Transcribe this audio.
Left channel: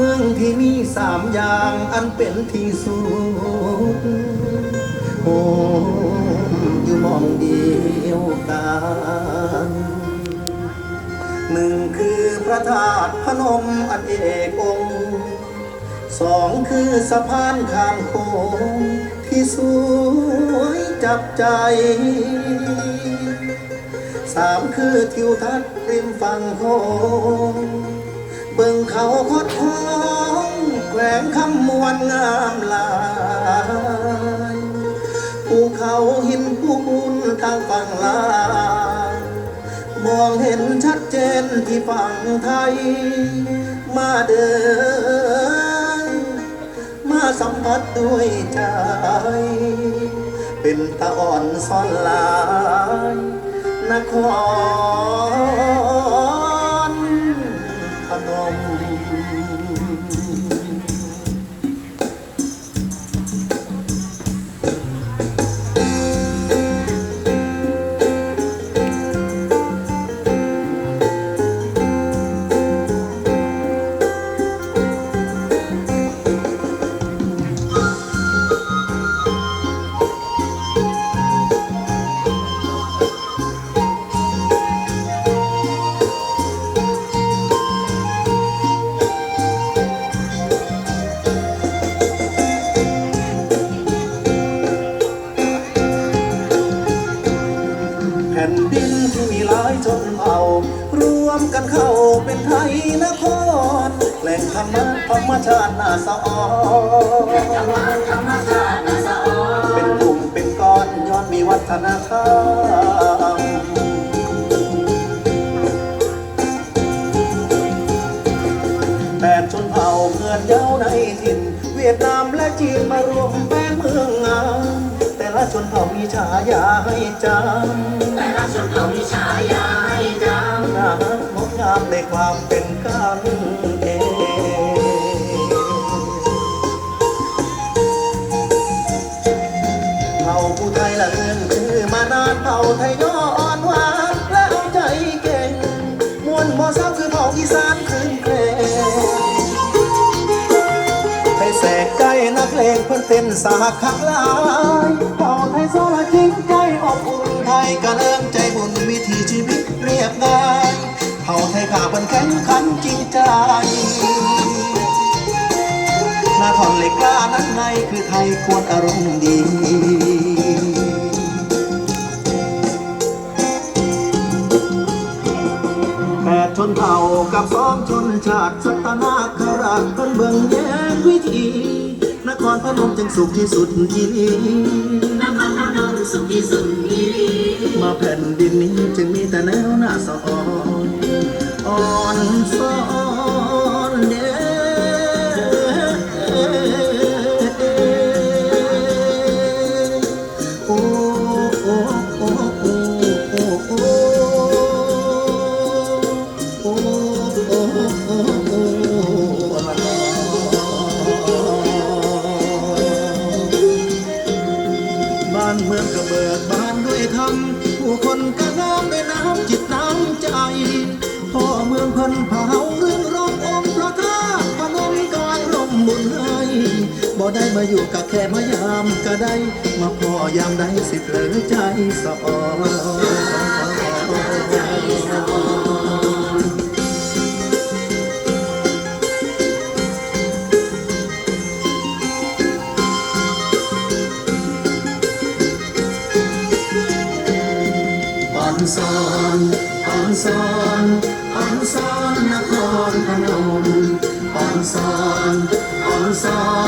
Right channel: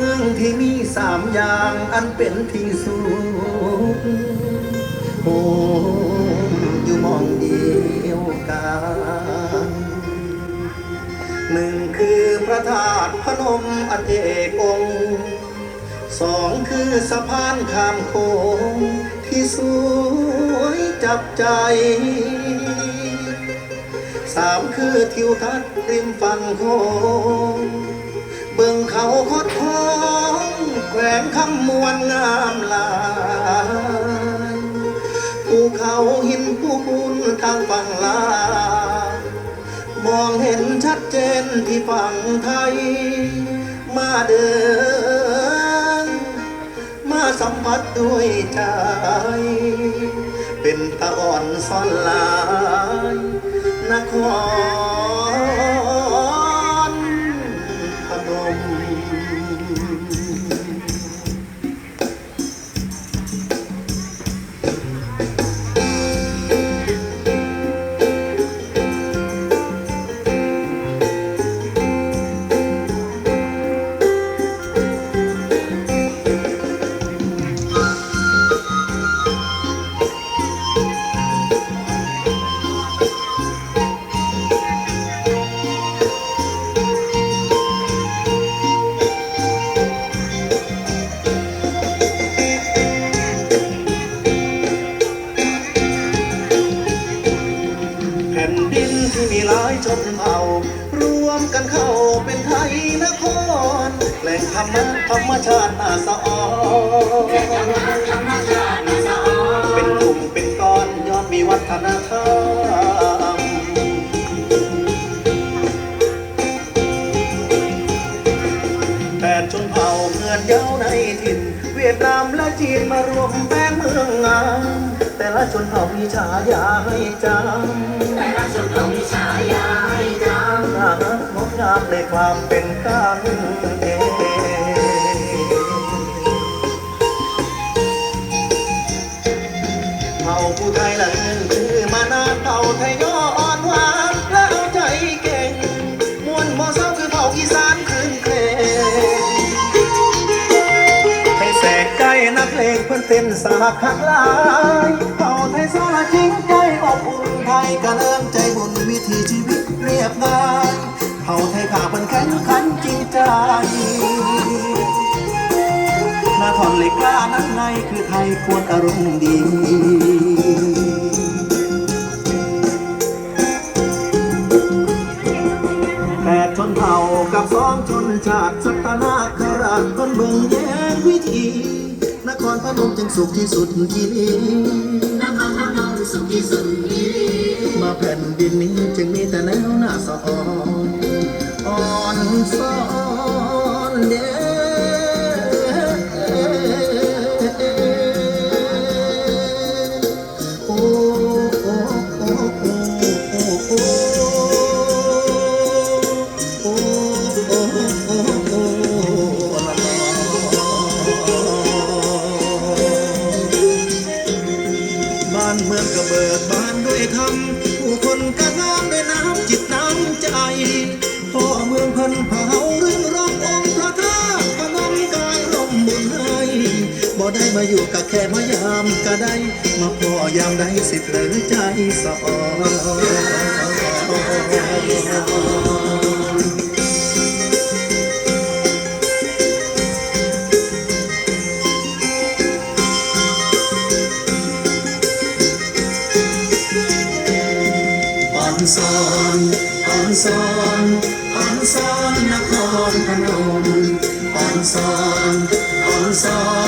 เมืองที่มีสามอย่างอันเป็นที่สุดโอ้อยู่มองเดียวกันหนึ่งคือพระธาตุพนมอันเอกองค์สองคือสะพานข้ามโขงที่สวยจับใจสามคือทิวทัศน์ริมฝั่งโขง เบิ่งเขาคดคองแขวงคำมวลงามหลายภูเขาหินภูบุญทางฝั่งลาวมองเห็นชัดเจนที่ฝั่งไทย มาเดิน มาสัมผัสด้วยใจ เป็นตะอ่อนซ่อนลายนคร รมชาติน่าสะออนเป็นกลุ่มเป็นก้อนย้อนมีวัฒนธรรมแปดชนเผ่าเมือนเย้าในถิ่น เวียดนามและจีนมารวมแม่เมืองงามแต่ละชนเผ่ามีฉายาให้จำแต่ละชนเผ่ามีฉายาให้จงามงดงามในความเป็น อเผ่าอีสานคืนเพลงให้แสกใจนักเลงเพื่อนเต้นสาขาหลายเผ่าไทยสละจริงใจอบอุ่นไทยกระเริ่มใจบุญวิถีชีวิตเรียบง่ายเผ่าไทยขาเป็นแข็งขันจริงใจนครเหล็กกล้านั้นในคือไทยควรอารมณ์ดี ชนชาติสัตนาคราชเป็นเมืองแย้งวิถี นครพนมจึงสุขที่สุดที่นี่นครพนมสุขที่สุดที่นี้มาแผ่นดินนี้จึงมีแต่แนวหน้าสะออนอ่อนซ้อน ได้มาอยู่กับแค่มายามก็ได้ มาพ่อยามได้สิเผลอใจสะอ่อนอ่อนซอนอ่อนซอนอ่อนซอนนครพนมอ่อนซอนอ่อนซอนอ่อนซอนน